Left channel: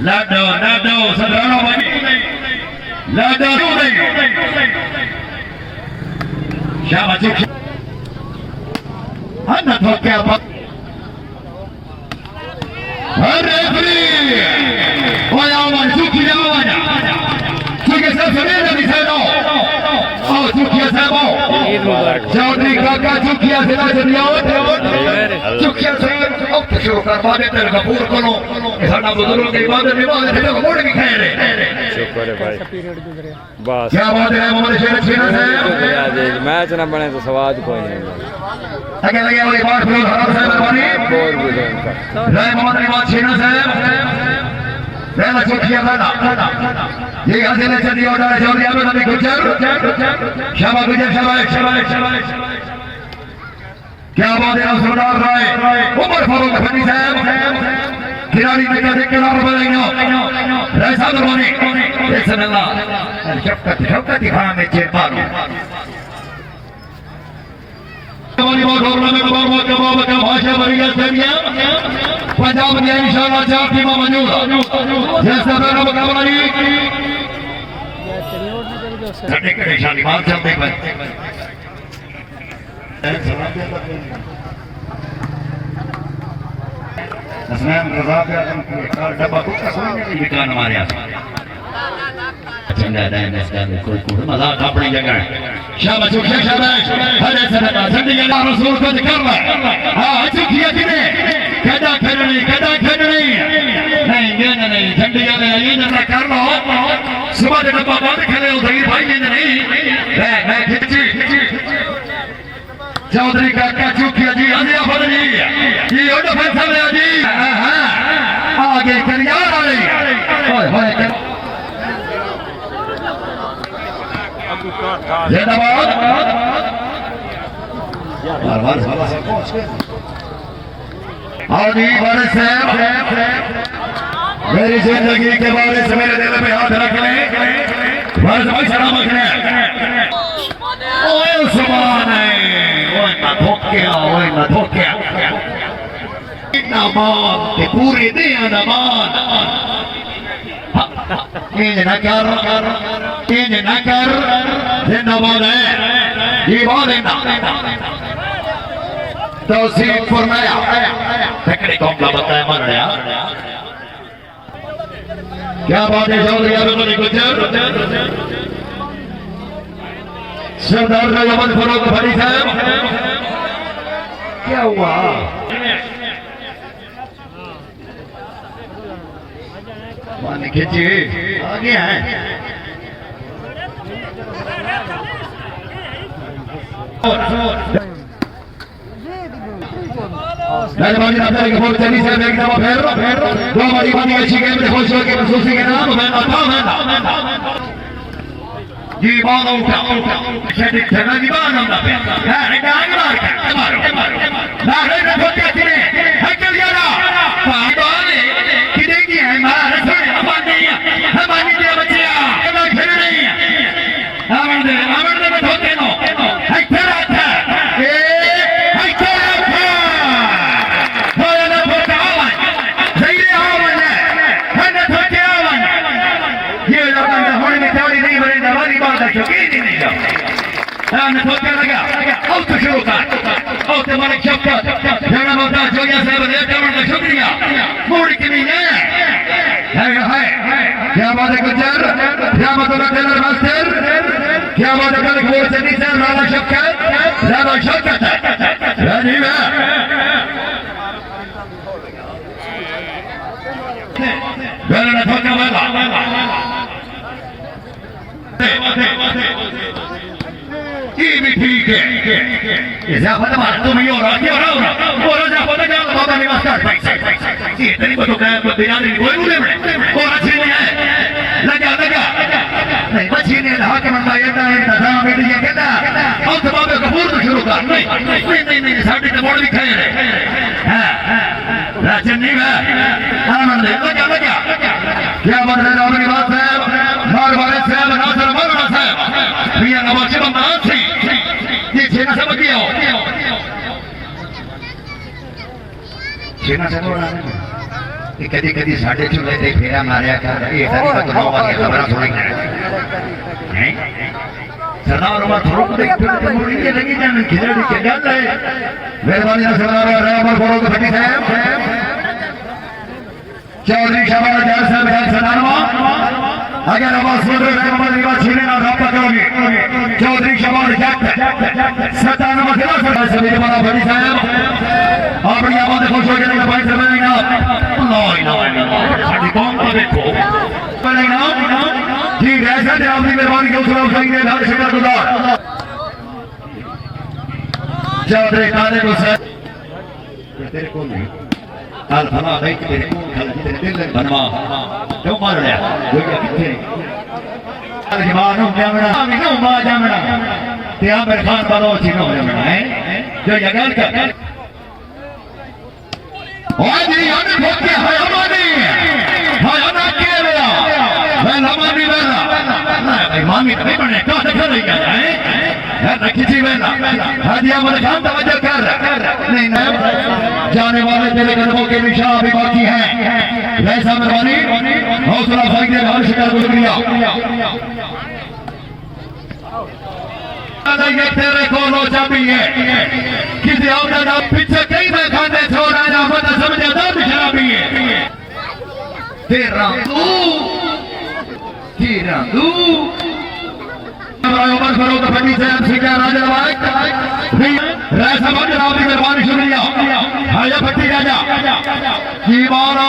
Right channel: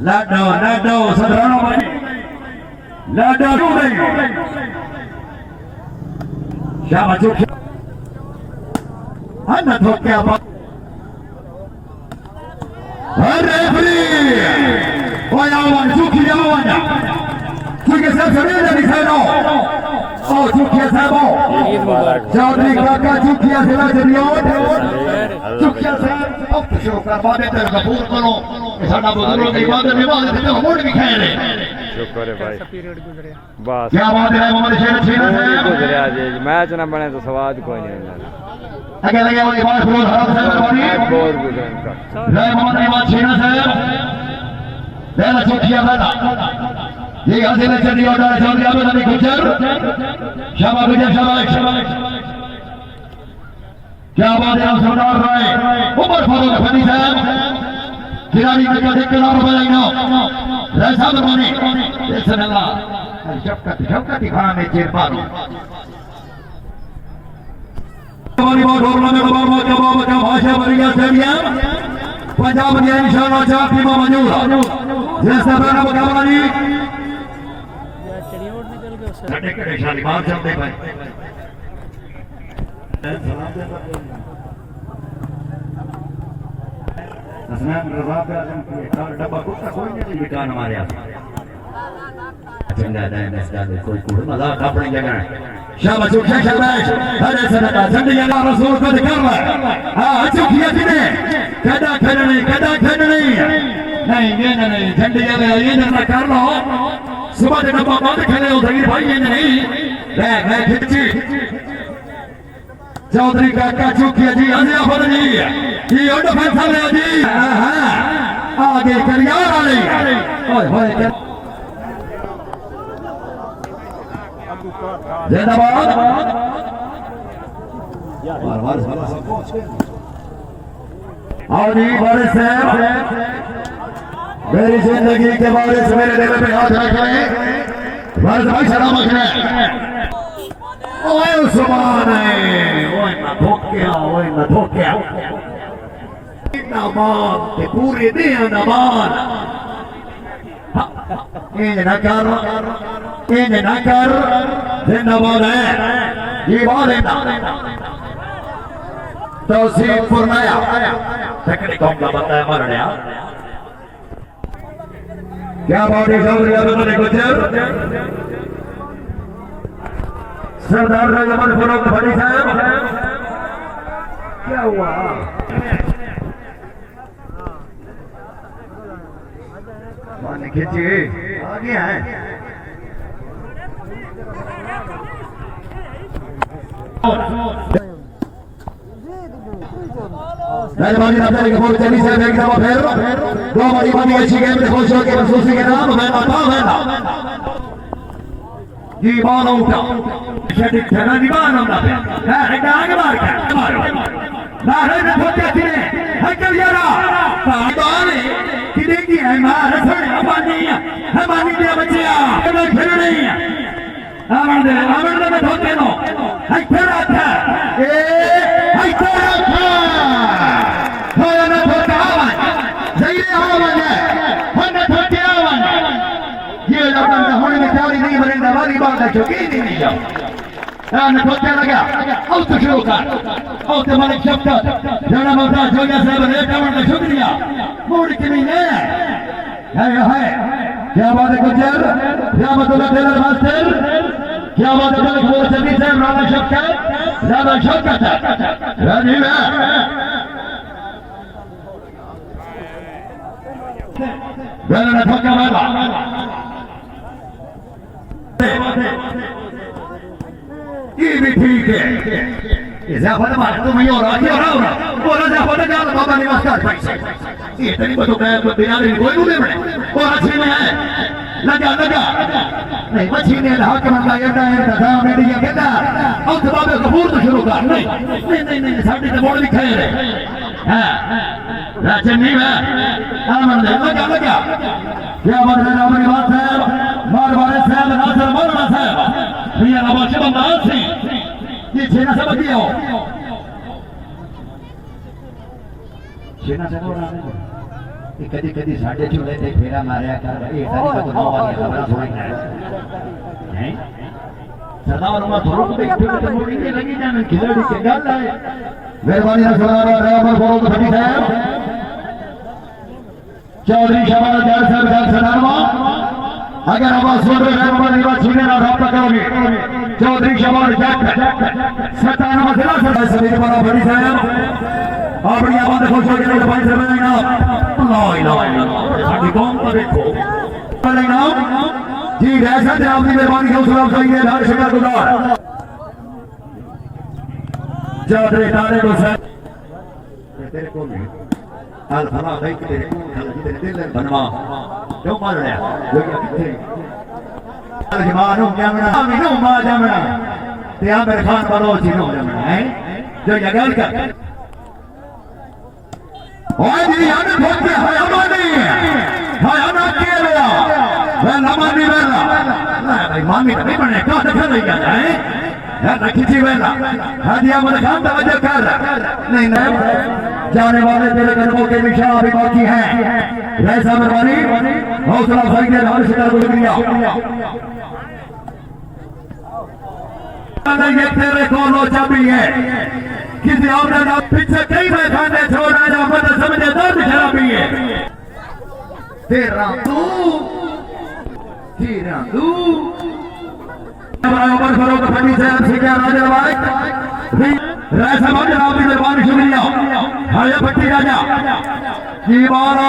Lado sederhana ini. Lado ini. Siapa cek? Anda tahu apa? Referee. Wayawan Suki lawan. Suki saya di sana. Oh Suki saya. Jadi kakak Suki adalah jenior. Suki saya. शुक्र है भाई बस क्या बात है मोहम्मद शेर गुजरे आज मैच ना बने तो स्वाद कोई नहीं आगे लगे वाली बात फिलहाल हराम साहब हमारी बहुत गुजरे उनका जय मोहम्मद रिवाज शेर साहब पहला चुप किया था ये हासिल है चलिए और जल्दी आप लोग गुजर शाबाश गुजर शाबाश क्या बात है सरदार राय उमर फारूक हफीज साहब खिलाड़ी ने क्या देख के नाम बनाएगा रैसा दरबानी बिस्मिल्लाह शफकत दिखाने में चेतान वाली बात होना में जवाब का भाषा बनिया स्टेडियम पंजाब ने इंशाल्लाह चार टीम मौजूद जैसा बना मुकाबला जी सटे के निशानी मार चलते पर Nasnam Razak dapat bukan हमारे यहाँ चंदा दान दस्तान कोई कोई मज़ा अपनी जगह शाबाश शाबाश हरे सदा संडी अल्लाह रसूल का जिक्र हाँ अच्छी किया किने कदा खड़नी नहीं ये नहीं संडी अल्लाह ये ना कर लो सुबह के डब्बा बंद खेले हो गई भाई ये नहीं मैं खिंची चौधरी काका चुकिया जी अजी अफर जी ये ओडो फैसला है जी आगे करियार आ रही ओए होए जिंदाबाद बार और जी बारिश साहब मेरी जिंदगी के बारे में मेरे दिल पे हाथ रख ले बारिश भाई सलाम रखने ओए उस्मान ना धोखे नमान ते पूरी दिया नमान इन्हें न कर जिंदाबाद है ये बात है तौसीफ फरमाया तकड़ी कौम का बताया मरने क्या बात है चौधरी अभी गुजर सरदार उमर फारूक हफीज साहब क्या हुआ माने खींची आगे है मेहरबानी आपने कपूर चली से एक दफा फिर दो बड़ी बनी अच्छी गेम में खुश होकर खुशी के नाम मैं बताऊं जी बाल उठा शेडी ठगा जी बाल उठा ना रे गांग मारो ना रे न फोटा किने है कलियारा बाल किने की है मार से हमारी दे बच्चिया कदा खेल नहीं आवन दे धोते नो है फिर आता ए है तेरा होया ना फोटा आवन सही आवन है न धोते आवन ये लगन होने में चारी नहीं बनेगा वाली बात है चुकी नहीं जा ना धोते लगा अब तो शुरू कर और तुम्हारे शब्द मेरा मोटा जोया साहब ने टावर का शुक्रिया मोड़ के नहीं है क्या बात है गुजर क्या मतलब टेलर मास्टर क्या बात है कल वो चली से राणा शौकत राजीव है गलना धक्का वाला ये भी ठीक है ये ज़्यादा मार तुम ही हो रहा वो ज़्यादा जान बाबा निवास का ये तरी को तो क्या बिना नहीं कोई नहीं बने वो अच्छी में है लगा नहीं बच्ची ने हाथ मंगा ये था मीडिया कहता अब तो बाबे कपूर तो शुरू कर नहीं साड़ी तो बोल लिखा है हाँ राजन नहीं है आनंद लगा क्या बात है राम निवास साहब मारवाड़ी साहब नासर मौलाना साहब भैया नवाज बंदा थी ये छेना समझ दिया छेना से बोला कि कदी कदी साढ़े चूल्हे ते फेरा मारिया कर ये हरी को नौ वाली खबर थोड़ी नहीं सरदार उमर थोड़ा देख तो मुड़ी के लगी जन खिलाड़ी के गल है मेहरबानी सरदार रामर फरोग भट्टी साहब चौधरी शाबाश जाल साहब विधायक सरदार अगर आवाज सुन रहे हैं हमारी बात छीने ना रास्ता करोगे चौधरी शाबाश जट सत्ता नंबर 13 सभी हमारा भट्टी साहब आप बड़ी आवाज खुश हो गए भाई साहब ना ला साडी कौम को देखो पहले ना जी ऐसा जनाब की मेहरबानी हौसला अफजाई ने घर से गुजार चौधरी ताले को सर तेरे को नहीं हाल फला भाई तेरे को खल तेरे दिल में बनवा क्यों मार रहा वो क्या किथे अरे मानो जामना नो मा जामना ते आमिर खान बनो चिनो जामना है जो जगल का ओ जी आमिर बहुत के हयामा नहीं है हयामा के रे वेला मानी वेला भाई मामी नहीं बने तो कर रही है यार किसी वेला हाजी अमर खान तवज्जो कर नहीं नहीं जाने वाले तेरे कदमों के निशान अभी बाकी हैं वैसा मेहरबानी हौसला अफजाई ने घर से गुजरिया ये तेरे को लोचा भी है किसी और ने ना पीछे कई में खाने छोड़ा ना मत समझे तो भी शराबी है तेरा तू उमर फरोग भट्टी साहब सिक्का राजा रैसा मंच राम की मेहरबानी शुक्रिया हाया भट्टी राजा की बारा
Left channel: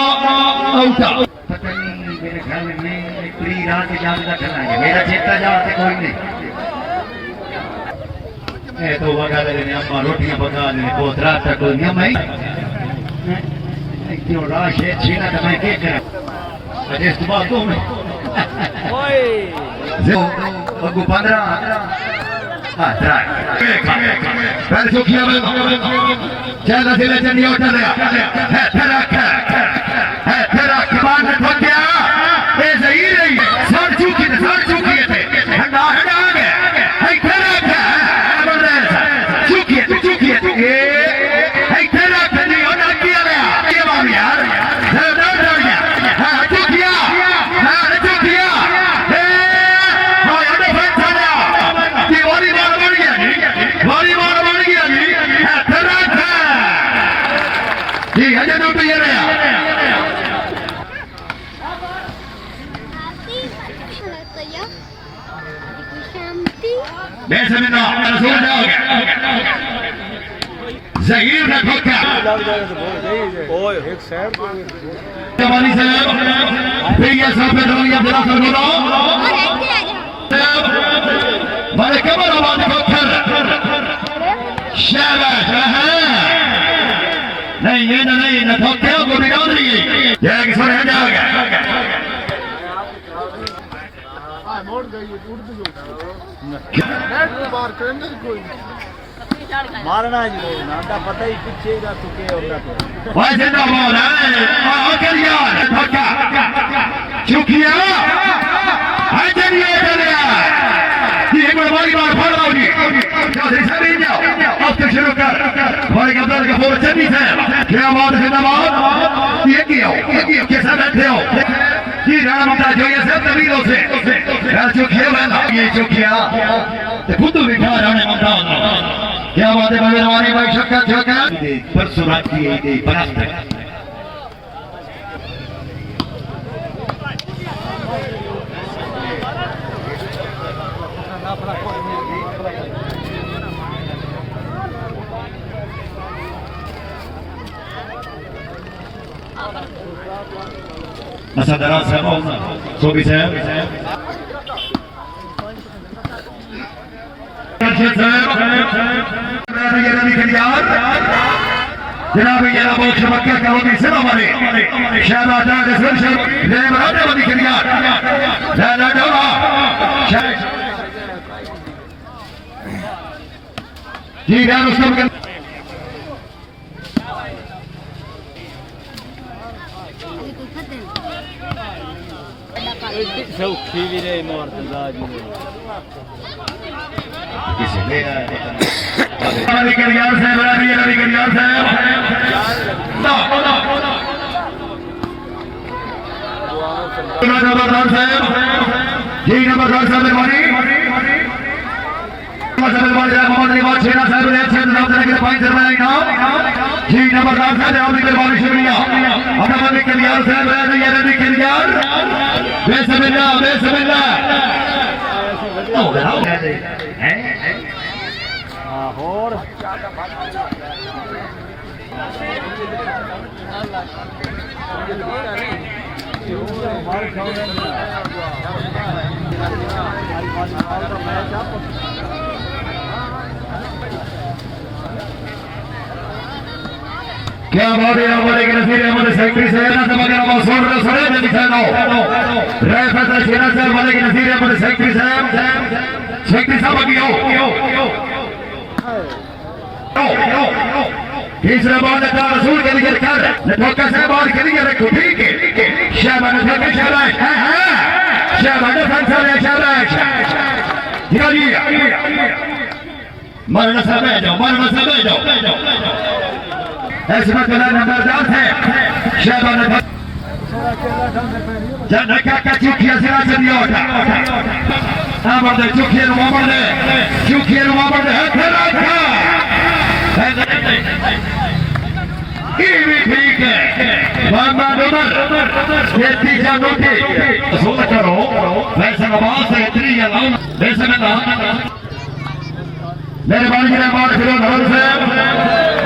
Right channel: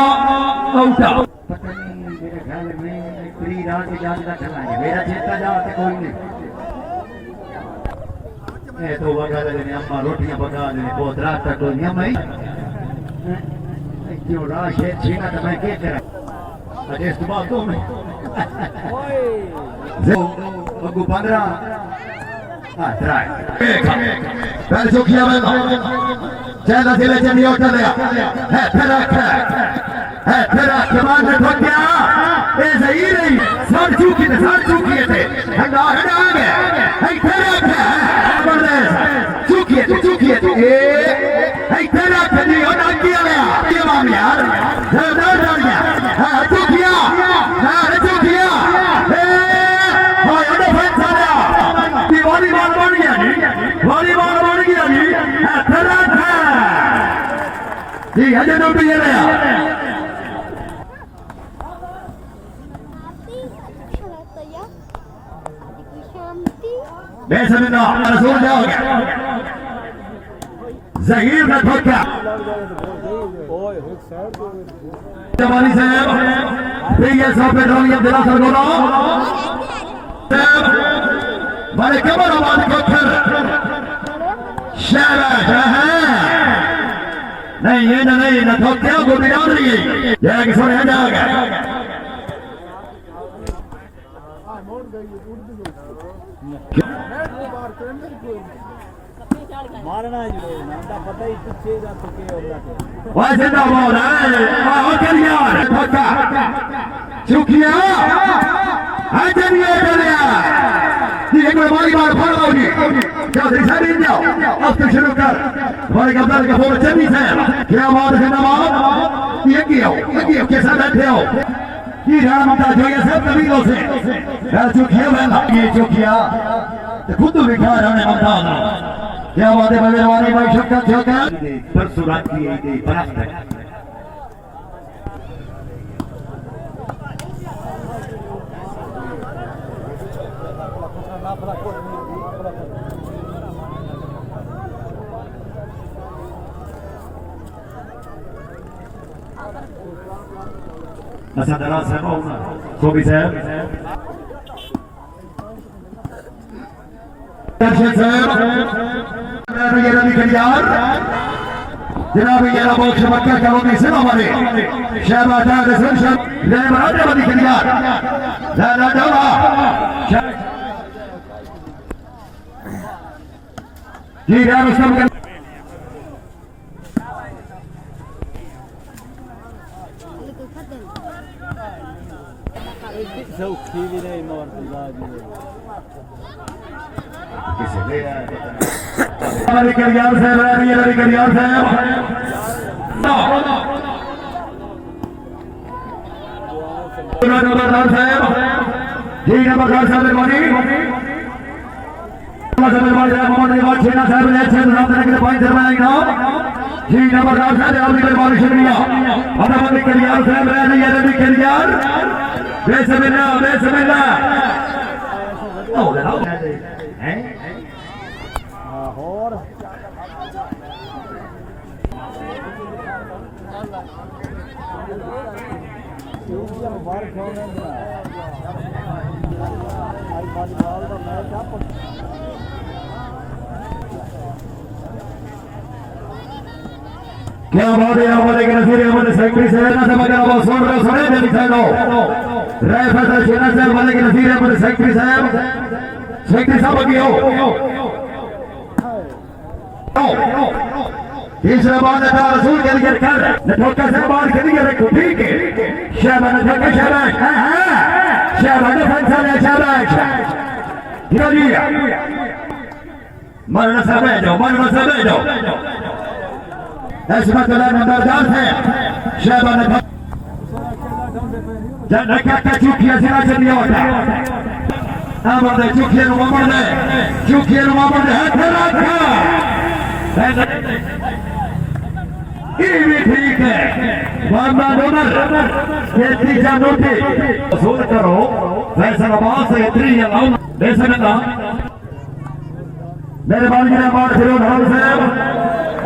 औटा मेरे ख्याल में पूरी रात जाम का चला है मेरा चेता जाते कोई नहीं मैं तो वगा देने अम्मा रोटियां पका देने बहुत रात तक नियम है क्यों राश है छीना तो मैं क्या करूं अजय सुबह तो मैं ओए अगु 15 पहले चुकिया में ज्यादा से ले चंडी उठा दिया है फिर कमान ने थक गया ये सही नहीं सर चुकी थे ठंडा आ गया है चुकी थे है फिर नहीं होना किया ये माम यार जहीर का ठोका जवानी साहब फिर ये सब पेट्रोलियम जरा सर बोलो बड़े कमर आवाज पत्थर शाबाश नहीं ये नहीं न ठोके को बिगाड़ रही जय किसान है जाएगा मोड़ गई उड़ दो बार करने कोई मारना जी नाम पता ही पीछे जा चुके होगा तो वैसे ना बोल ओके यार ठोका चुकिया है जरिए चलिया ये एक बार फाड़ होगी चौधरी साहब इन जाओ अब तक शुरू कर भाई कब्र का फोटो चली है क्या बात है नमाज ये किया कैसा बैठे हो ये राम का जो ये सब तबीरों से यार चुकिया वाला ये चुकिया तो खुद बिठा रहने मत क्या बात है मेहरबानी भाई शक्कर शक्कर परसुरात की ये बनत Masadara साहब सोबी साहब ये रवि खलियार जनाब ये बहुत शमक्या कॉलोनी से हमारे शहबाज दसरन जय बराबर रवि खलियार जय डोरा जी राम मुस्लिम सौखी भी नहीं मोरतजा जी इसलिए रवि खलियार साहब राउंड साहब जी नंबर 10 साहब मेहरबानी मोहम्मद रिवाज सेना साहब ने अच्छे नाम देने के लिए पॉइंट करवाया इनाम जी नंबर 10 साहब आपकी मेहरबानी शुक्रिया हमारे कल्याण साहब ये नबी कल्याण बेसमिल्लाह बेसमिल्लाह और क्या बात है हमारे के नसीर हमारे सेक्रेटरी से ना समझ रहा हूं सुन रहा सुने में दिखा दो रेफर शेना साहब हमारे के नसीर हमारे सेक्रेटरी साहब की हो तीसरा बॉल था रसूल के लिए कर ठोका से बॉल के लिए रखो ठीक है शाबाश ठोका शाबाश शाबाश फंसा है शाबाश जी मरना सब है जाओ इसमें कला नंबर 10 है शाबाश जनका का चुकिया सिरा से दिया होता नंबर दे चुकिया नंबर दे है खरा ये भी ठीक है मोहम्मद उमर ये तीसरा मोटी सोच करो फैसल आवाज से इतनी है बेसमिल्लाह मेरे बाल की बात फिरो धर्म से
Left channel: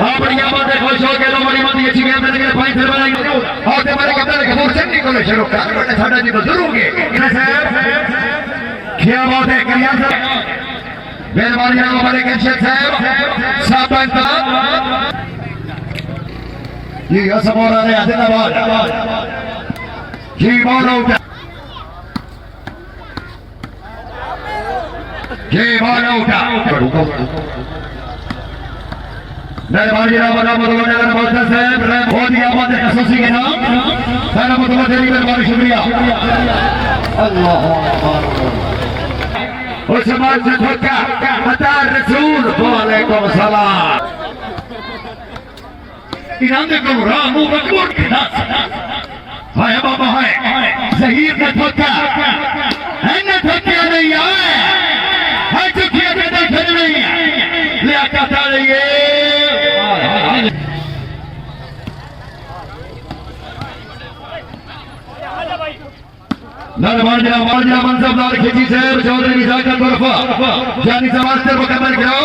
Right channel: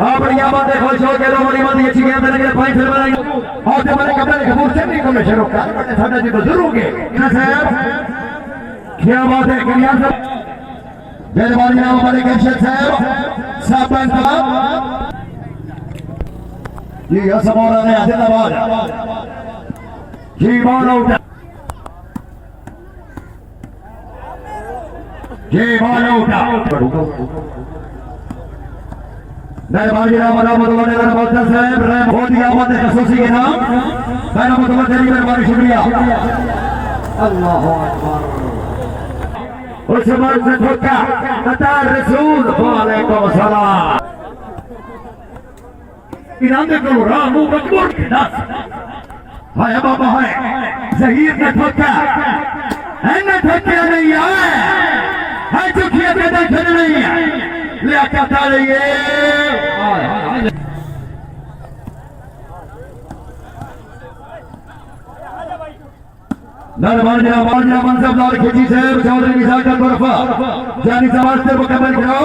आप बढ़िया बात है खुश हो के लो बड़ी बात अच्छी गेम देने के लिए फाइट करवाएंगे और हमारे कप्तान खबूर से निकलो शुरू कर साडा जी बजुर्ग होंगे क्या बात है कल्याण साहब मेरे बाल जनाब हमारे कैशियर साहब साबन का जी असमोरा ने जिंदाबाद जी बॉल आउट जी बॉल आउट मेरे भाई जनाब रहमतुल्लाह नगर मोहतरम साहब बहुत ही आमद है खसूसी के नाम रहमतुल्लाह तेरी मेहरबानी शुक्रिया अल्लाह उस मर्द से ठोका अता रसूल वालेकुम सलाम इनाम दे करो रामू रकबूर के नाम हाय बाबा हाय जहीर ने ठोका है न ठोका नहीं है चुकिया पे देख नहीं है लियाकत आ रही है नरवाजा वाजा मनसबदार खिची साहब चौधरी निसाकर बरफा जानी समास्टर मुकम्मल कराओ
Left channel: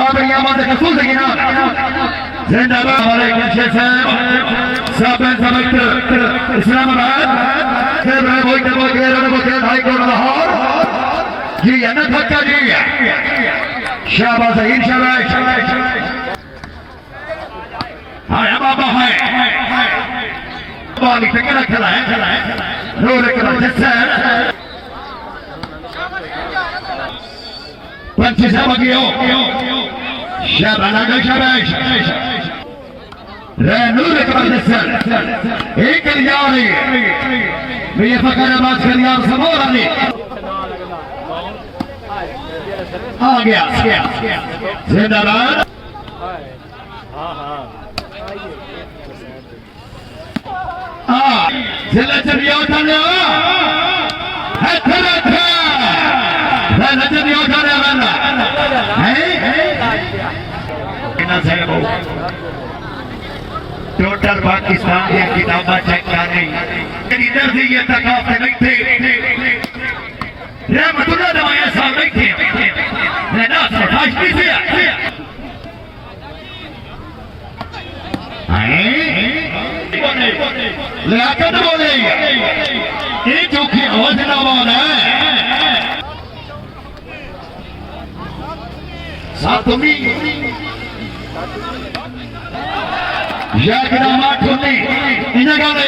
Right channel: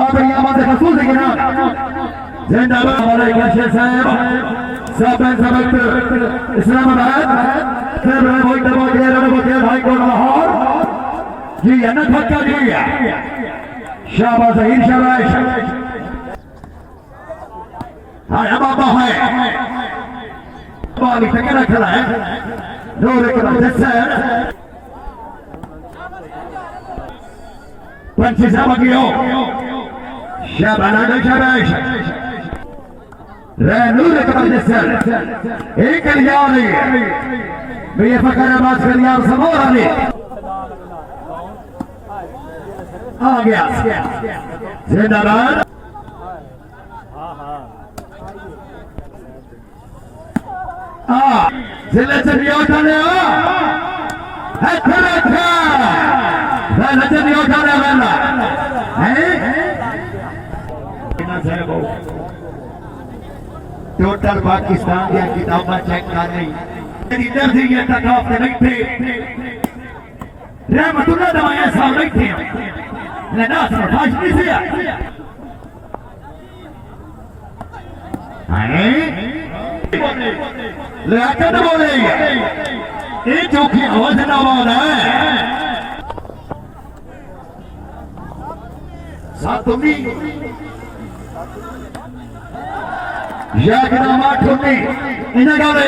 आप बढ़िया बात खसूस है ना जिंदाबाद हमारे कैशियर साहब साबित सबक इस्लामाबाद फिर भाई दबा के रन बके हाई कोर्ट लाहौर जी अन्ना धक्का जी शाबाश जहीर शाबाश हाय बाबा हाय बाली टकरा खेला है रोले के बाद से पंची साहब की हो शाबाश शाबाश नूर के बाद से एक कल्याण है ये फकराबाद कल्याण समोरा ने आ गया जिंदाबाद जिले से भी उठाने है खरा था जिले से भी उठाने वाला है टोटल पाकिस्तान की किताबा चेक कर रही इधर से ये तकाफ नहीं थे रहमतुल्लाह दमाया साहब नहीं थे ना सर फाइट से लियाकत बोले ये चौकी आवाज ना बोल है सातुमी या कि नाम आठुमी इन्हें गाले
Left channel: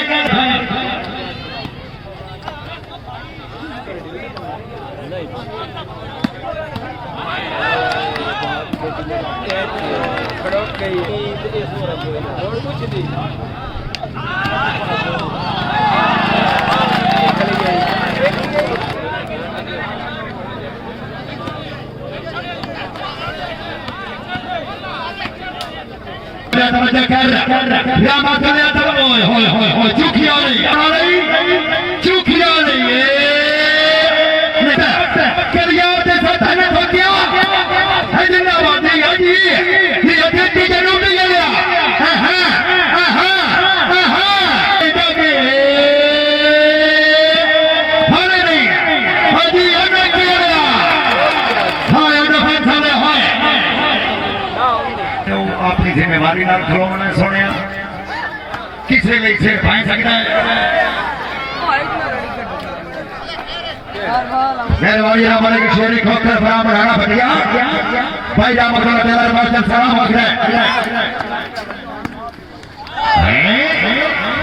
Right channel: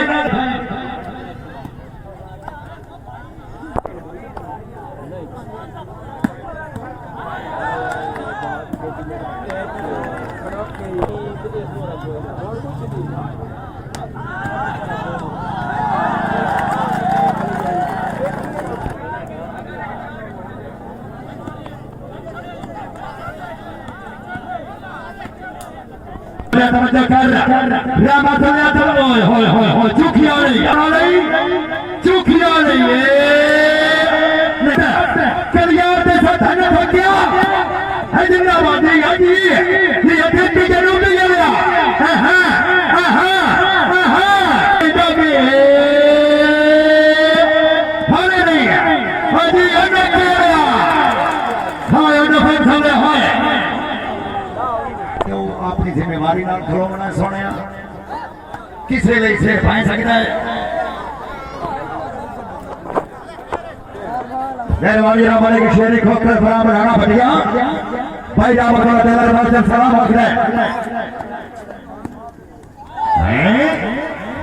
चुकी आ रही ਨਾਲ ਖਲੋਣਾ ਸੋਹਣਿਆ ਕਿਸੇ ਲਈ ਸਿਰ ਪੈ ਸਕਦਾ ਹੈ मेरे वाली हमारे की शेरी खोकर फराम बढ़ाना बढ़िया भाई राम अकबर तेरा मास्टर सलाम अकबर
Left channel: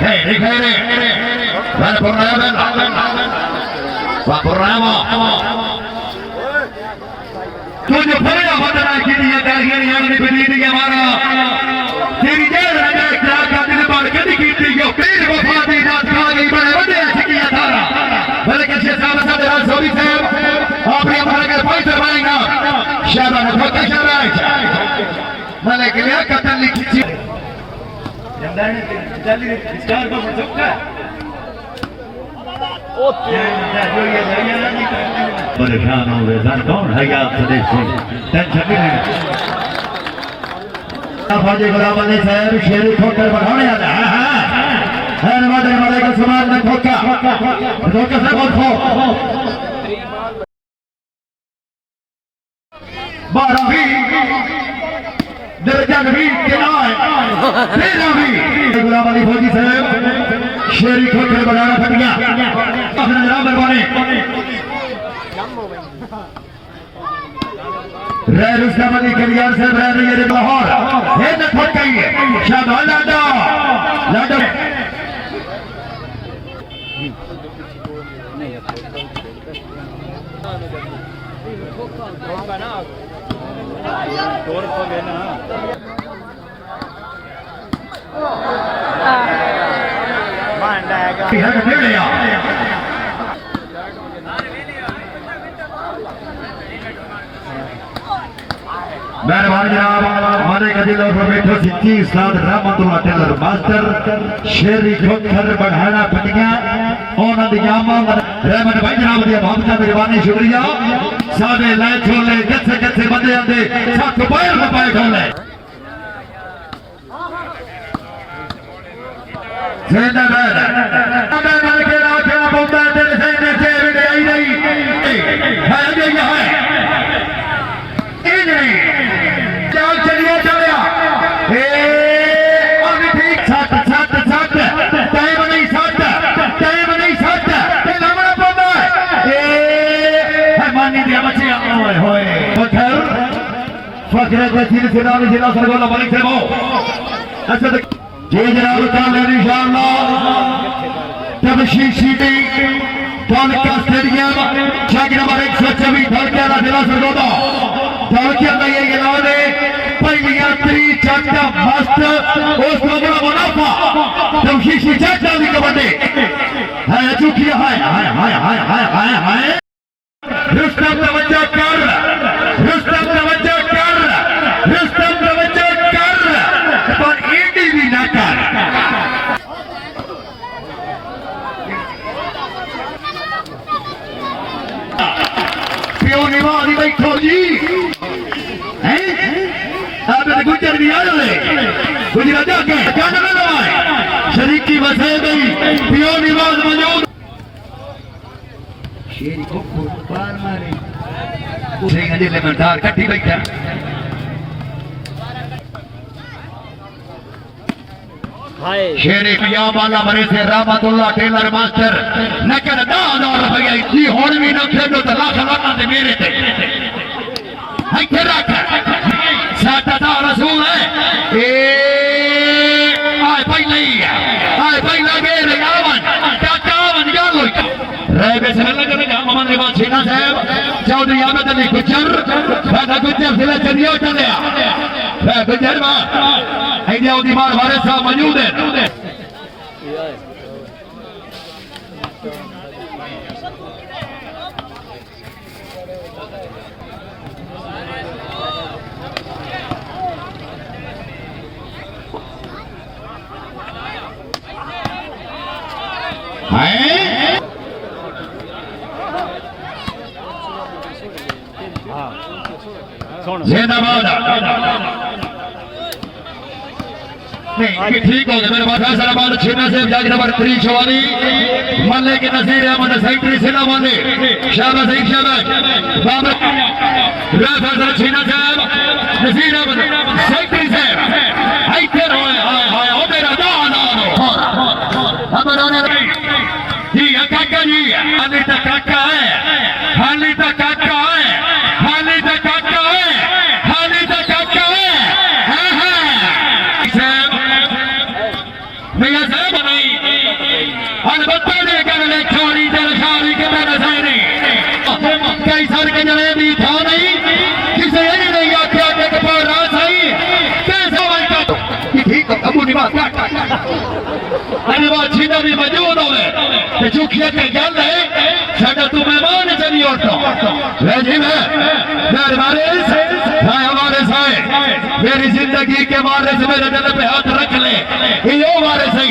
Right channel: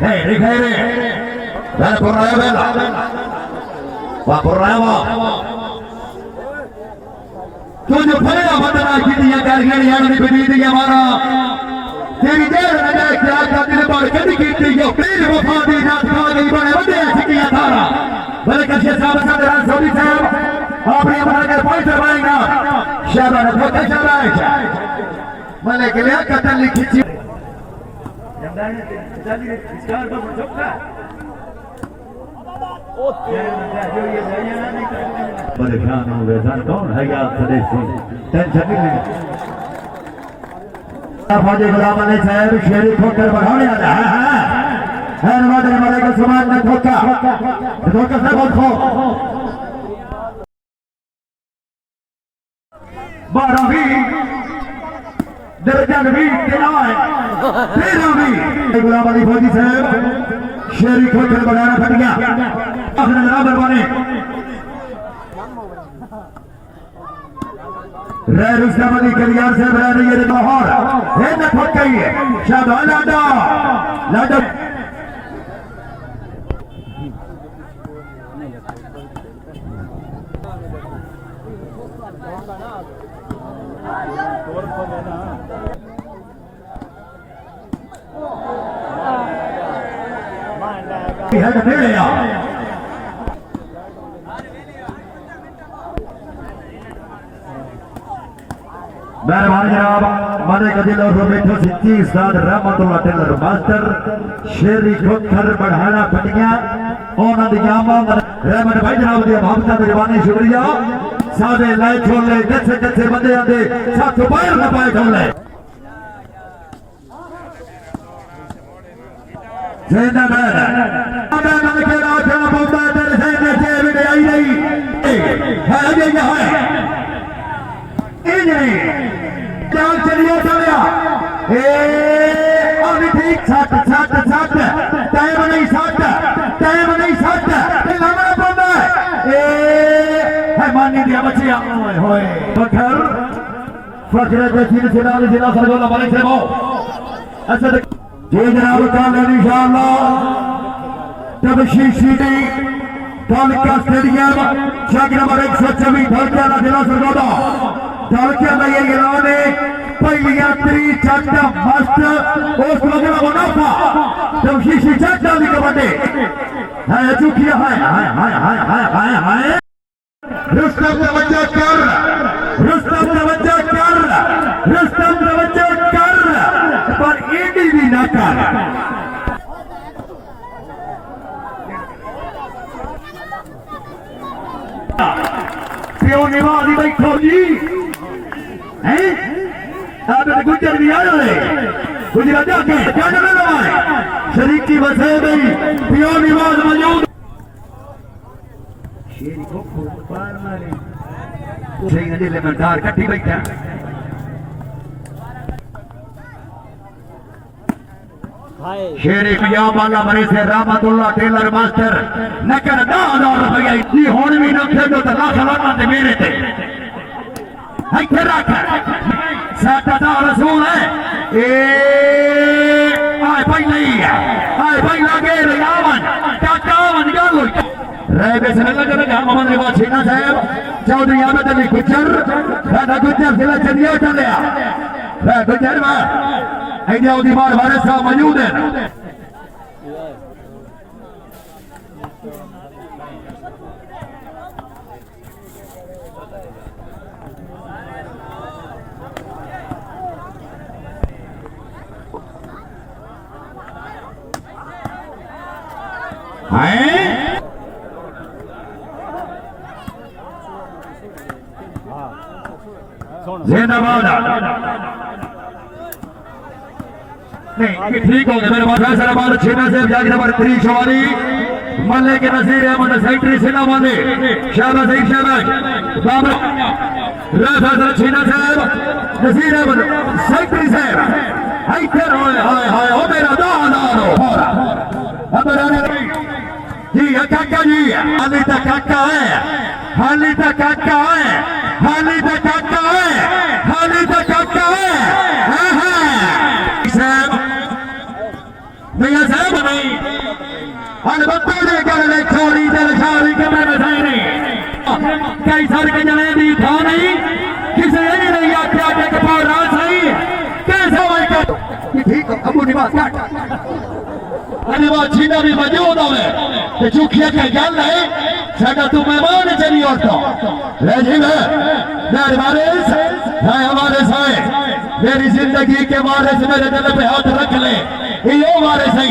है दिखाई रे मैं पुराना बेला वह पुराना तू जो फरेगा बदला की दिया त्यागियां यार ने बिजली दिया हमारा तेरी जेल में मैं क्या कर दिल पर कभी की दिया पीर वफा दी रात खा गई बड़े बड़े सिकिया थारा मेरे कच्चे साहब साहब राजौरी साहब आपने हमारे घर फाइटर बनाएगा शहबाज ठोका शहबाज मैंने के लिए कतल लिखी थी जल्दी स्टार को सकता परेशान हो गए सर कौन है यार स्वदेशी टेंशन भी नहीं फौजी गुलाम अली साहब शेरी ठोकर बढ़ाने आया है नमाज हमारे को समान न ठोका ठोका से बहुत खो 12वीं दर्जा नबी के नाम 13वीं गुलाम अली फौजी साहब शेरी ठोकर बढ़ाना फट गया अपने जनाब बने रह रुस्तम अली कलियार साहब रह रही है लाहौर ये न ठोक गई है शाबाश लाडा लाडा मेहरबान जनाब हमारे कदिल और बैठो सिक्की उस्ताद रहमतुल्लाह टेलर मास्टर शेरी ठोकर बढ़ाना पटिया ओना दी जामा रहमत भाई जनाब दी मोहब्बत मेहरबानी शुक्रिया सादे ले छोले कच्चे कच्चे बंदे आंदे साथ पैर न पाए खोले जिंदाबाद अबे मन के राखे बोलता दिल से नचे भी आई नहीं है अभी यहां है इंजरी क्या चलिए चलिया ए अभी ठीक छट छट छट टाइम नहीं छट ये लावना पड़ता है ए मानी दिया बच्चिया ओए होए बखर फखर गसीर सिनानी जिला सरगोला मालिक से वो अच्छा ये जनाब कल इंशाअल्लाह तब शीशी कल का स्टेडियम जग नंबर 124 धड़किया जिला सरगोला धड़किया में ये ऐलान है पहली यात्री जट मस्त उस लोगों का मुनाफा तब शीशी जट डाली कबड्डी है चुकी है रुस्तम तवज्जो कर पर ईडी भी ना कर प्यो निवासी बैठो जी हैं आप तो गुजर भी आए हैं गुजरात जाके क्या कर रहे हैं शरीक की बसे गई प्यो निवास मौजूद शेर को पार मारे सही गंजे लेमनदार कट्टी बैठा शेरे पिया वाला मरे से रहमतुल्लाह टेलर मास्टर नकद 10,000 रुपया की होने भी न खेलो तो लाख लाना ते मेरे ते है रख साटा दा रसूल है ए आए पहले गे रे आवन काकावन गालो रह बे से लगा मोहम्मद रिवाज छीना साहब चौधरी आबद अली गुजर बादा गुजर जिला चंदिया चलिया रे गुजर ऐडिया उदीमार वाले साहब मौजूद है जिंदाबाद नहीं ठीक हो गया मेरे पास फैसला बाल छीना से जाग नंबर 3 शवाली मल्ले के नसीर अहमद सेक्रेटरी सिला वाले शाबाश सही शाबाश बाबर रे फैसला छीना साहब नसीर अहमद सेक्रेटरी साहब आई तेरा बनाने जी काका जी हाली तक काका है हाली तक काका है हाली तक काका है हाली तक काका है साहब भैया साहब नहीं हन बता दे कर ले छोरी जल छोरी के मेरे साईं कई साल के जने भी था नहीं किसे ये नहीं आख्या के कपार ना सही कैसे वही ठीक अबू निवास अनिवार्य छीना भी मौजूद है ते चुखिया के गल है साडा तू मेहमान चली आता लेकिन दरबारे से हमारे साए मेरी जिंदगी के वारिस मेरे दिल पे हाथ रख ले ये वारिस है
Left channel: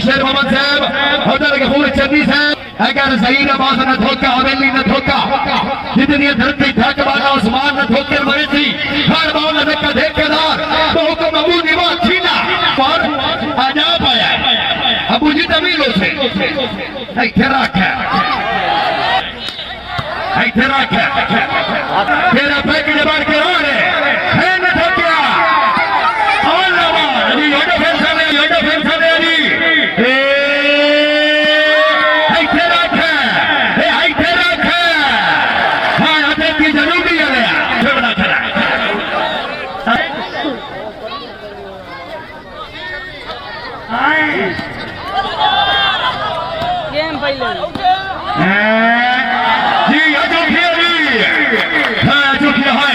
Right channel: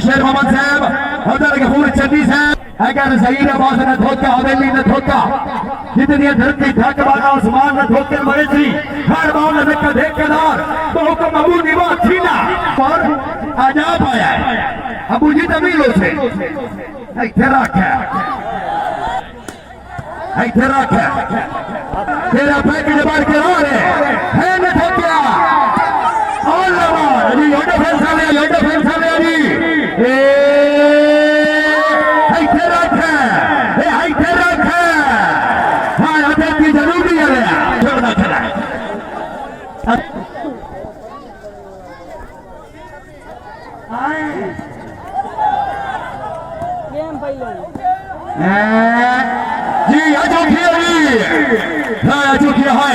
शेर मोहम्मद साहब हदर गफूर चंदी साहब अगर सही नवाज न धोखा हवेली न धोखा जितनी धरती थक वाला आसमान न धोखे मरे थी हर बाल में ठेकेदार तो हुक्म अबू निवास छीना पर आजाद आया अबू जी तमीलों से ऐसे रखा तेरा पैक जबान करा रहे है न ठोकिया अल्लाह अभी योडो फैसला ले अभी गेम पहले जी अच्छा खेल जी हाँ जो खेल है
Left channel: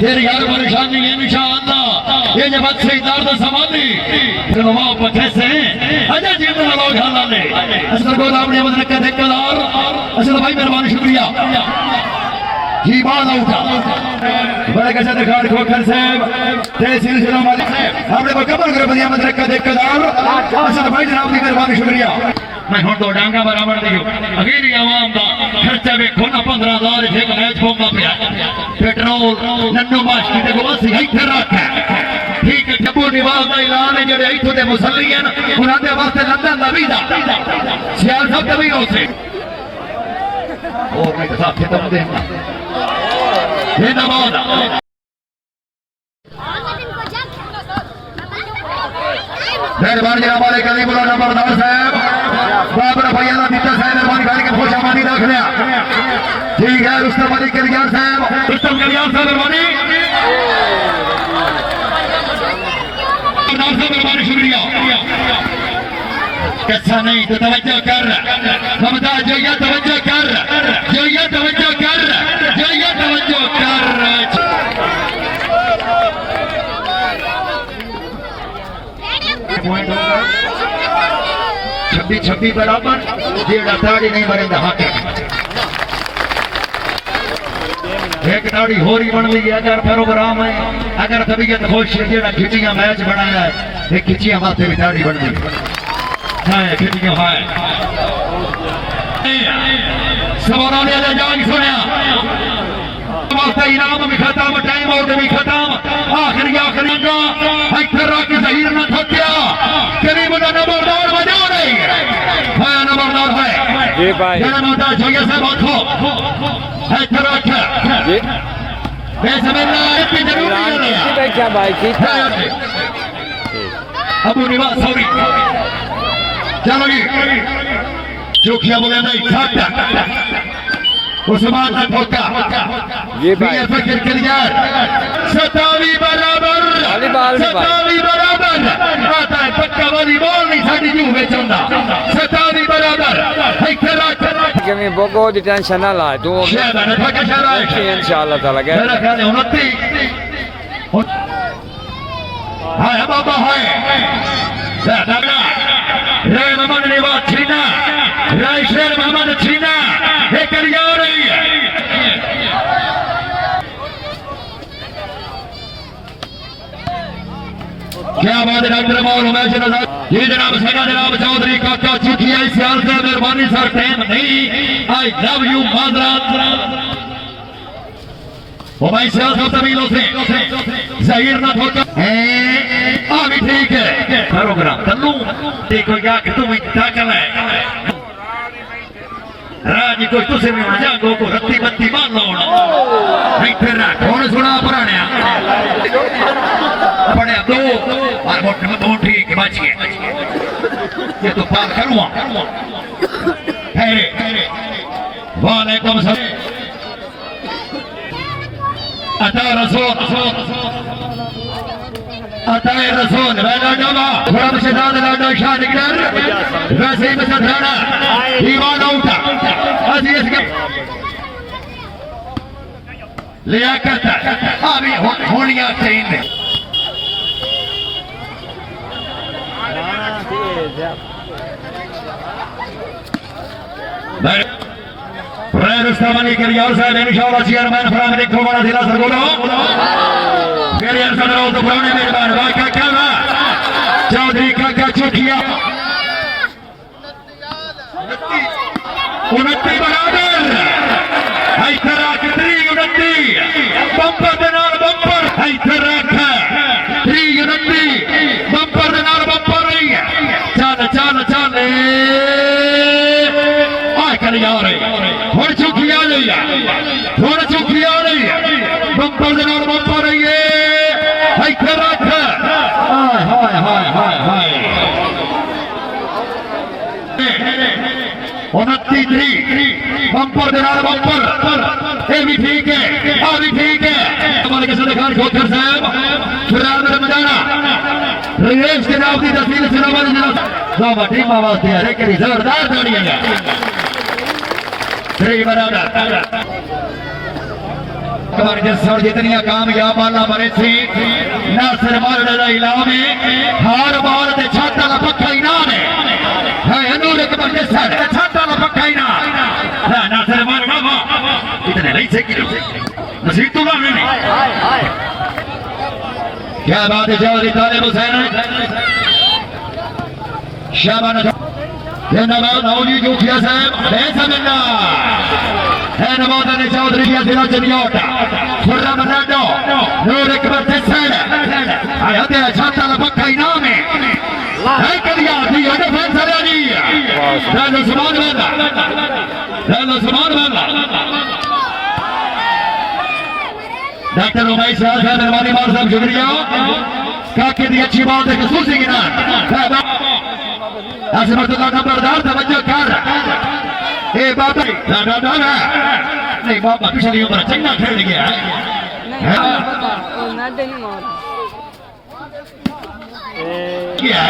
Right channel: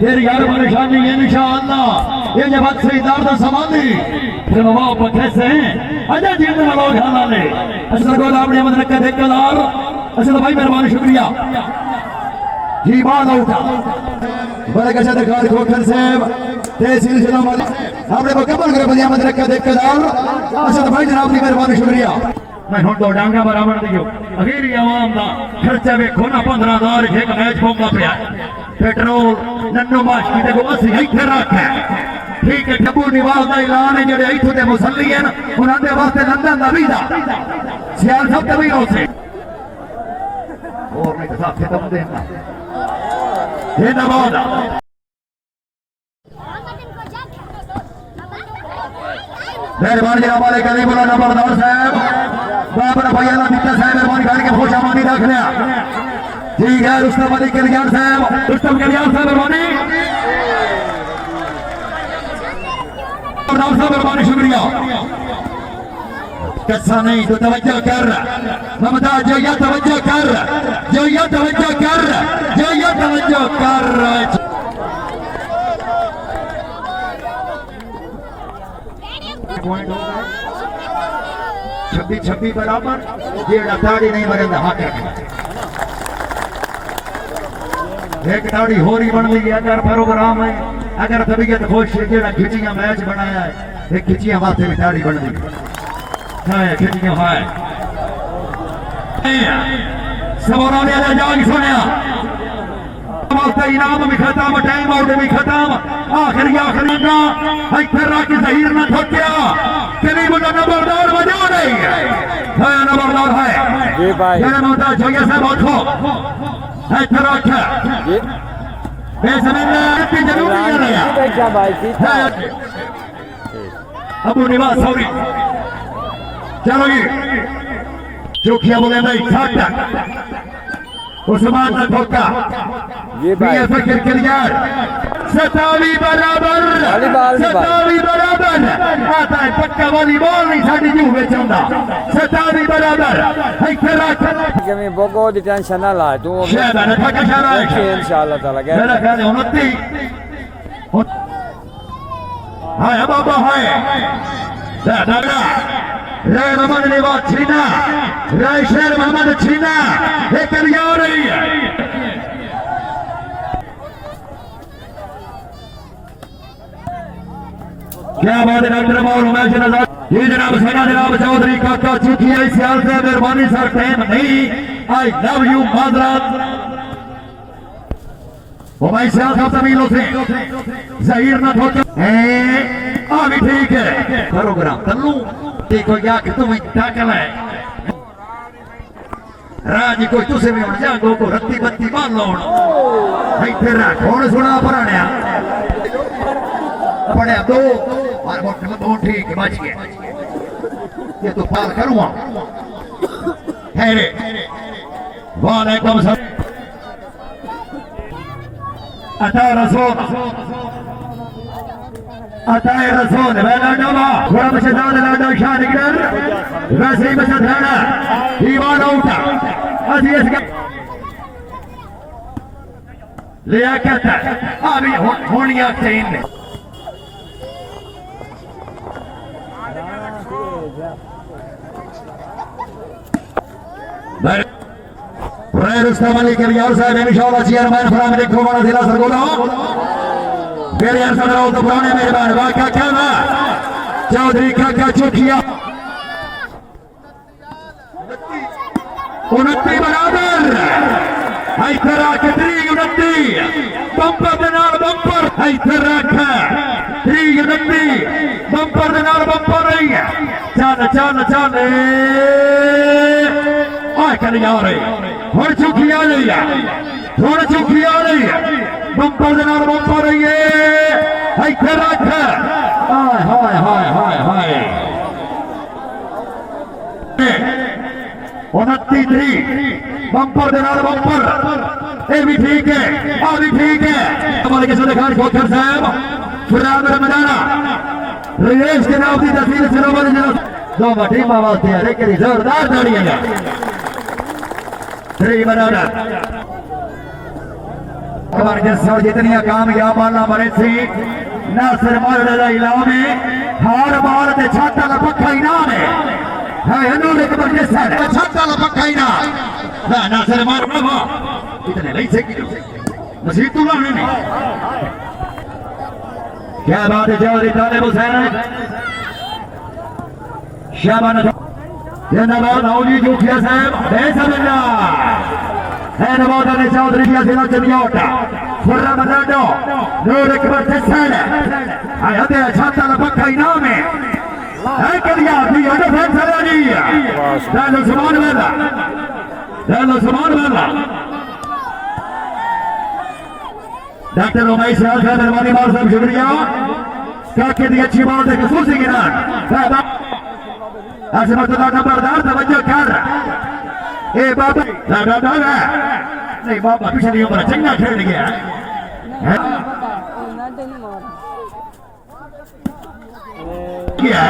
तेरी यार परेशानी है इंशाअल्लाह ये जब अच्छे इदार दा समानी फिर वहां पर कैसे हैं अजय जी ने लोग खाना ने असल को आपने मदद कर देकलार असल भाई मेहरबानी शुक्रिया जी बात उठा बड़े कैसे दिखा देखो खर साहब तहसील जिला मालिक हमने बकबर कर बदिया मदद कर देकलार असल भाई जनाब की मेहरबानी शुक्रिया मैं हुन तो डांगा बराबर दियो अगेरी आवाम दा खर्चा वेखो ना 15000 एक मैच पौंदा पिया पेट्रोल नन्नू मास्टर दे कोल सी इथे रख ठीक है टप्पू निवास दा ऐलान है जेडे इथों दे मुसल्ली हैं उन्हां दे वास्ते लंदन दा वीजा सियाल सब तभी हो से और मैं साथ खत्म दे ये नवाज मेहरबानी जनाब वाले कलीमुल्लाह नंबरदार साहब बाबर भैया दा मित्र साहब मेहरबानी करके खुशामादी रख लिया ठीक है रुस्तम अली कलियान साहब रुस्तम कलियान साहब मेहरबानी मेहरबानी शुक्रिया कच्चा नहीं तो तवज्जो कर ममता जो या तवज्जो कर जो या तवज्जो कर जो या तवज्जो कर छब्बी छब्बी बराबर जेड़ा ताड़ी नहीं मरेगा हाके एक ताड़ी होरी बन गई अगर प्रोग्राम है अगर तबीयत खुश है जेड़ा खिचियां मैच बनाया है एक खिचियां वास्ते भी ताड़ी बन गई हां खिचियां है सबरों ने जान सुनया वक्त इनाम भी खत्म टाइम आउट भी खत्म आखिरी का इधर आके जहीर न ठोकिया करीब नंबरदार बजा रही है नंबरदार है जी भाई मेरा मोटा जोया से देखो इधर आके जी बिस्मिल्लाह की जरूर ऐलान है किसी क्या भाई ठीक है अबू निवास सॉरी चलो जी चौकिया बोले नहीं खाता उस्मान का ठोका ये भाई फकीर करियार 27 बराबर वॉलीबॉल में भाई 27 बराबर आता है पक्का वॉलीबॉल नहीं साडी जू में चंदा 27 बराबर इधर आके कि मैं बहुत टेंशन ना ला तू शायद ना ठोका शारा देखिए इंशाल्लाह ताला गया मेरा ख्याल है 29 हाय बाबा हाय दादा रे मोहम्मद निवास छीना रे शेर मोहम्मद छीना एक करिया रही है क्या बात है डॉक्टर मौल मैच नजर ये जनाब सारा जनाब चौधरी काका चीखी आई सियाल से मेहरबानी सर टाइम नहीं आई लव यू माजरात वो भाई साहब तमीलों से जाहिर ना ठोकर अभी ठीक है प्रोग्राम तन्नू देखो क्या कि तुम क्या करना है राजी कोई तुझसे नहीं होना जागो को रत्ती बत्ती मान लो नहीं फिर कौन सुना पुराने पढ़े दो और दो ठीक बच गए ये तो पार करूँगा है रे वालेकुम सलाम अता रसूल अताए रसूल वेला डबा थोड़ा मशदाद लाडो शाह निकल वैसे ही बचा थाना दीवान उठा अजीज का लियाकत अभी होलियां चाहिए Rustaman के यार साहब इंशाल्लाह चेयरमैन फराम देखो वाला जिला सरगोला फिर यार सदर तो पुराने मेहमान वाका क्या ना चौधरी काका चुकिया 29 बराबर हाई करा के 29 बंपर दे नाल बंपर हाई करा का 29 बंपर दे नाल बंपर रही है चल चल चल आ कर यार थोड़ी चुकी आ रही है थोड़ी चुकी आ रही है बंपर दे नाल बंपर रही है हाय करा का हाय हाय हाय हाय हाय 29 बंपर दे नाल बंपर ये भी ठीक है आ भी ठीक है हमारे किसान खान खोखर साहब फिराद रमजाना रिएश के नाम की तस्वीर सलामत जिला दो टीम वास्ते अरे के जोरदार ताड़ियां श्री बराबर कमर जसर जितनिया कामयाब वाला मरे थी नासिर मारने इलामे हार मार ते छाता ला पक्का इनाम है अनूर कमर जसर छाता ला पक्का इनाम ना नासिर मार बाबा इतने नहीं से नसीब तो नहीं क्या बात है चौधरी तालिब हुसैन शाबाश धन्यवाद नौजी जोखिया साहब बेसमिल्ला है नवादा ने चौधरी दिया जिला चनियोटा फुर्रा मनाडो नूर अकबर जसन आया ते छाता ला पक्का इनाम है कदिया दी ओडे फैन सरा जी लालो समान वाला डॉक्टर उमैस साहब मेहरबानी मार साहब शुक्रिया काके दी अच्छी बात है कसूर से गिना असमतुल्लाह नंबरदार तवज्जो कर ए बाबा नहीं बाबा पिछली उम्र चंगा खेल गया नहीं पता वो नाडे नहीं मारा क्या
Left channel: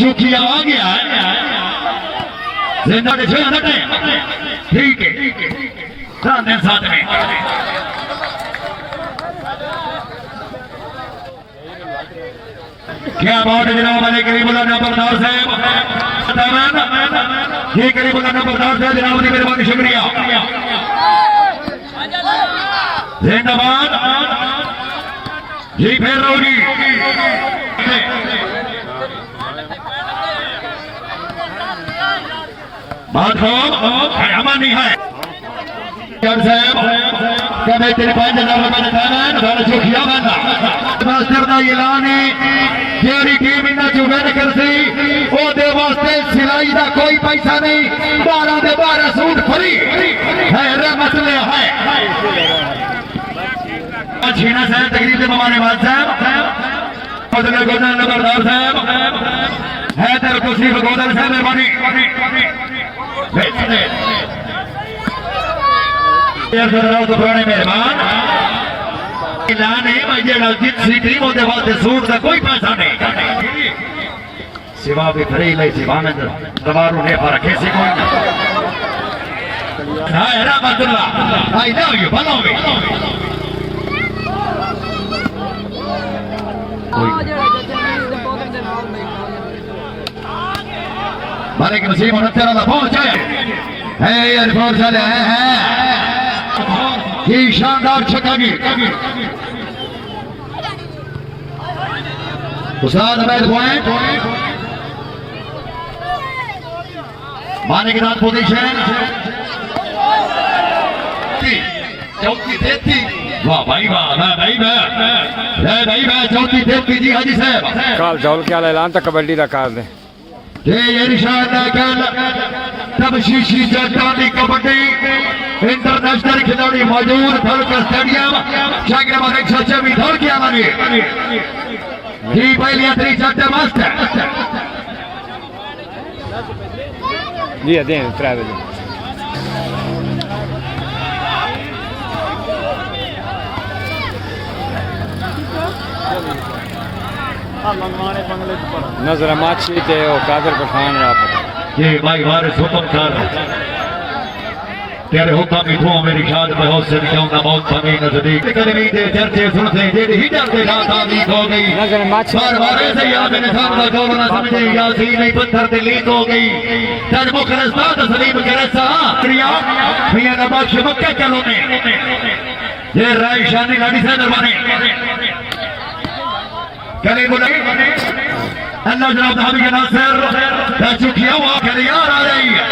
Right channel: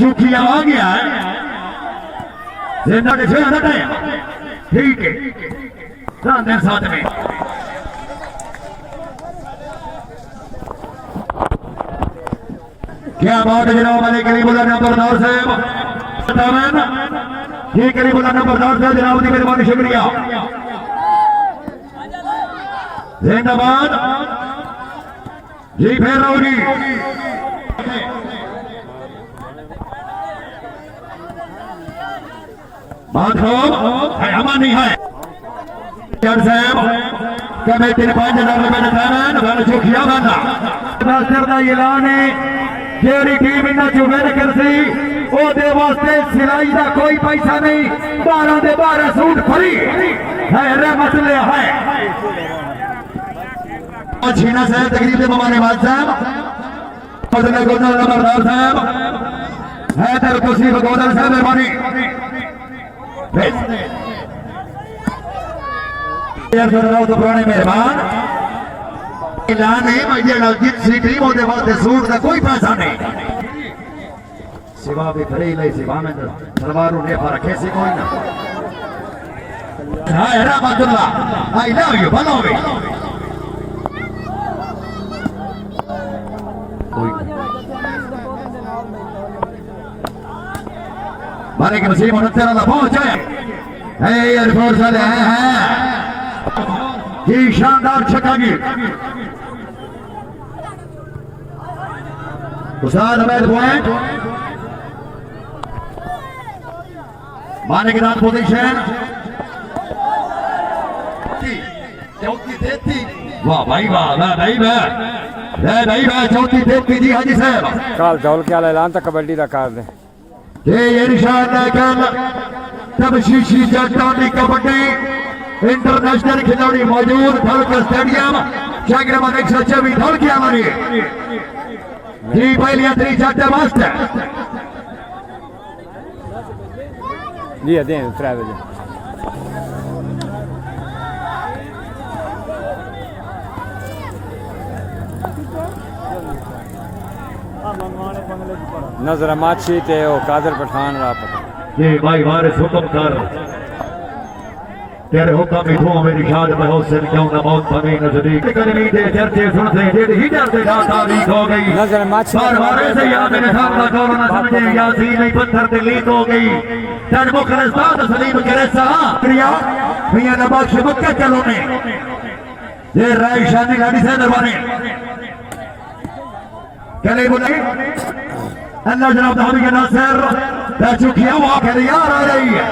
शुक्रिया आ गया जिंदा दे छह हटे ठीक है साथ में क्या बात है जनाब वाले करीबुल्लाह नंबरदार साहब ये करीबुल्लाह नंबरदार साहब जनाब की मेहरबानी शुक्रिया जिंदाबाद जी फिर रहोगी बात हो अमन नहीं है साहब कमेटी ने 5000 रुपए दिखाना चौकिया बना मास्टर का ऐलान है जेरी टीम इन्ना चुगन करती ओदे वास्ते सिलाई का कोई पैसा नहीं 12 दे 12 सूट फ्री है रहमत ले है छीना साहब तकरीब ममाने वाल साहब फजल गोदल नंबरदार साहब है तर कुर्सी गोदल साहब मेहरबानी पुराने मेहमान ऐलान है मैं जितनी टीम होते वास्ते सूट का कोई पैसा नहीं सिवा भी खरी ले सिवा में दरबारों ने पर रखे से कोई ना है रहमतुल्लाह I love you follow me मालिक नसीब उनतेरा ला पहुंचे है एयरफोर्स वाले हैं ये शानदार छक्का की उस्ताद अवैध पॉइंट माने के साथ पोजीशन चौकी देती वाह भाई वाह, वाह भाई वाह, वाह भाई वाह। चौथी फेंकी जी हाजी साहब। काल जौल के वाला ऐलान तो कबड्डी का कर दे। ये इरशाद कल तबशीशी जट्टा दी कबड्डी इंटरनेशनल खिलाड़ी मौजूद ढोलकर स्टेडियम शागिर मगे चाचा भी ढोल के आवांगे जी पहली अतरी जट्टा मस्त दिया दे 3 बजे नजर माछी ते ओ कादर पठान रा पता ये भाई वारिस हुक्म कर तेरे होता भी तू मेरी शाद में हो से क्यों ना मौत बनी नजदीक कलमी दे चर्चे सुन से जेडी ही डर के रात आदि हो गई नजर माछी बार बार से याद में सामना करो ना समझे यासी नहीं पत्थर ते लीक हो गई तज मुखर उस्ताद सलीम करे सा क्रिया मियां नबाश मुक्के चलो ने ये राय शानी गाड़ी से दरबारे कले बुलाई अल्लाह जनाब हाबी के नासिर चुकिया हुआ कलियार आ रही है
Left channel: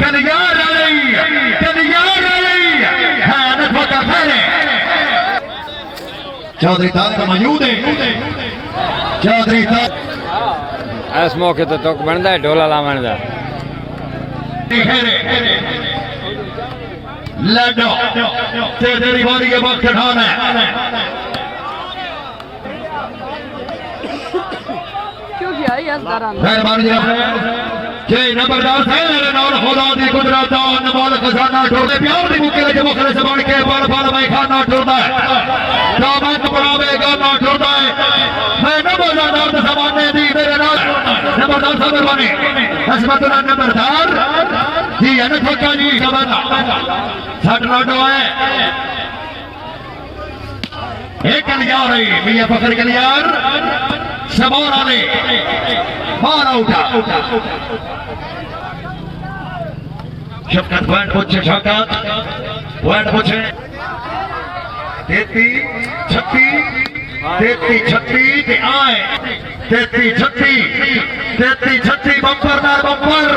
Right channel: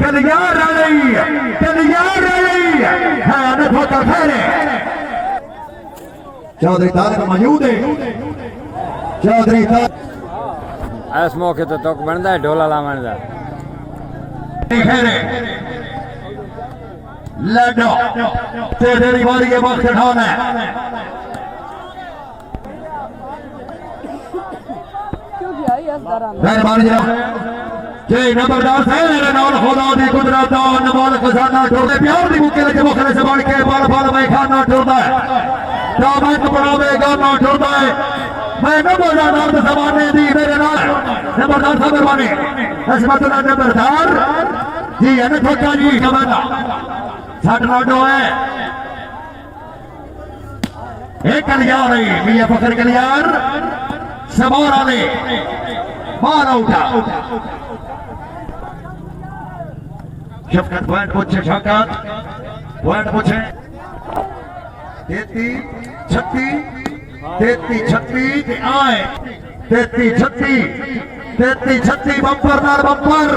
कलियार आ रही है कलियार आ रही है है ठोका फेरे चौधरी तार का मौजूद है चौधरी तार इस मौके तो तक बनता है ढोला लावन दा फेरे लड्डो तेरी बारी के वक्त उठाना है क्यों किया ये दरान मेहरबानी जनाब जे नंबरदार है मेरे नाल खुदा दी कुदरत दा नमाल खजाना ठोरदे प्यार दी मुक्के जे मुखले से बन के बाल बाल में खाना ठोरदा है दामत पड़ावेगा ना ठोरदा है मैं न बोला नाल जमाने दी मेरे नाल नंबरदार साहब मेहरबानी हसबतुल्लाह नंबरदार जी है न ठोका जी कबना साठ लाडो है एक कलियार है मियां फखर कलियार समारा ने मारा उठा शफकत पॉइंट पूछे शफकत पॉइंट पूछे 33-36 के आए 33-36 बम्पर नार बम्पर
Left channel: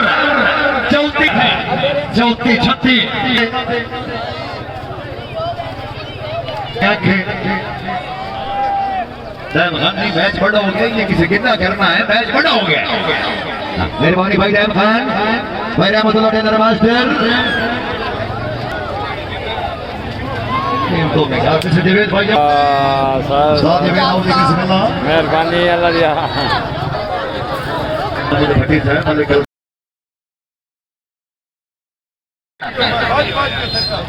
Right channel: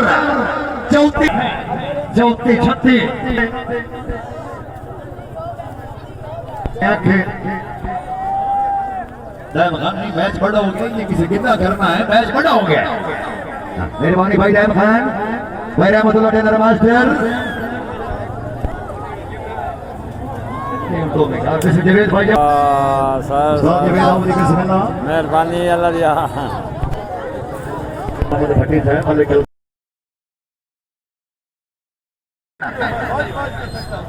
34-36 मैच बड़ा हो गया ये किसी कितना करना है मैच बड़ा हो गया मेहरबानी भाई रैम खान भाई रहमतुल्लाह टेंडर मास्टर तो किसी देवेद भाई मेहरबानी अल्लाह दिया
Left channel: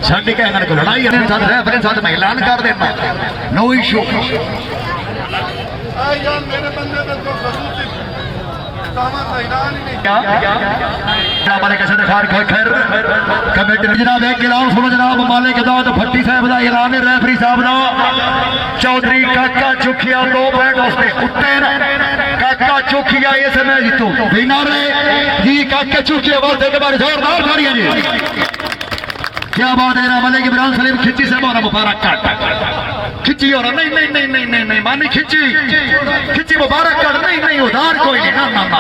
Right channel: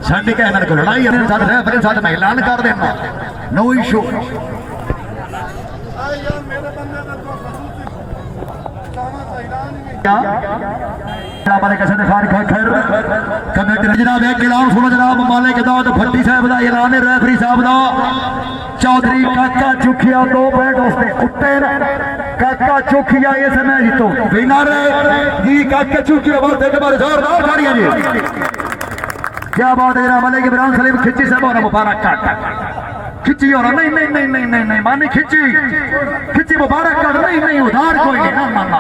छंडी का मैंने को लड़ाई अपने साथ है अपने साथ में ऐलान कर देना नो इशू मेरे बंदे ने तो सामान का ऐलान ही नहीं किया हमारे कैसे खान खैर कमेटी जनाब एक ऐलान सुनो जनाब मालिक दाद भट्टी साहब का ऐलान है रेफरी साहब का चौधरी काका चुखिया 2 पॉइंट उसने उत्ते काका चुखिया इस मैच तो विनर जी काका चुखिया बहुत एक बार जोरदार तालियां जी क्या बात है मलिक इमरान सलीम खिच्ची साहब और मुबारक कर खिच्ची और नहीं नहीं नहीं नहीं नहीं नहीं मानी खिच्ची मुबारक कर नहीं नहीं उधार कोई नहीं ना ना ना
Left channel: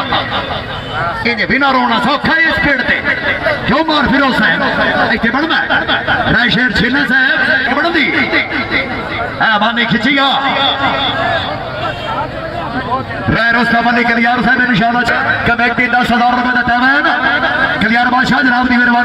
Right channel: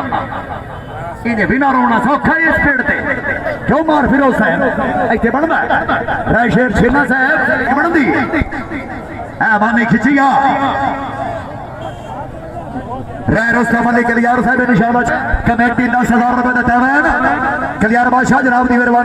इन्हें बिना रोना सौखा है इस पेड़ पे क्यों मार फिरोज साहब इतने बढ़ना राय शेर छेना साहब बढ़ दी मानी खिच्चिया राय रोस्ता मलिक कलियार साहब इंशाल्लाह कमेटी 10,000 रुपए देते हैं कलियार बादशाह जनाब दी मेहरबानी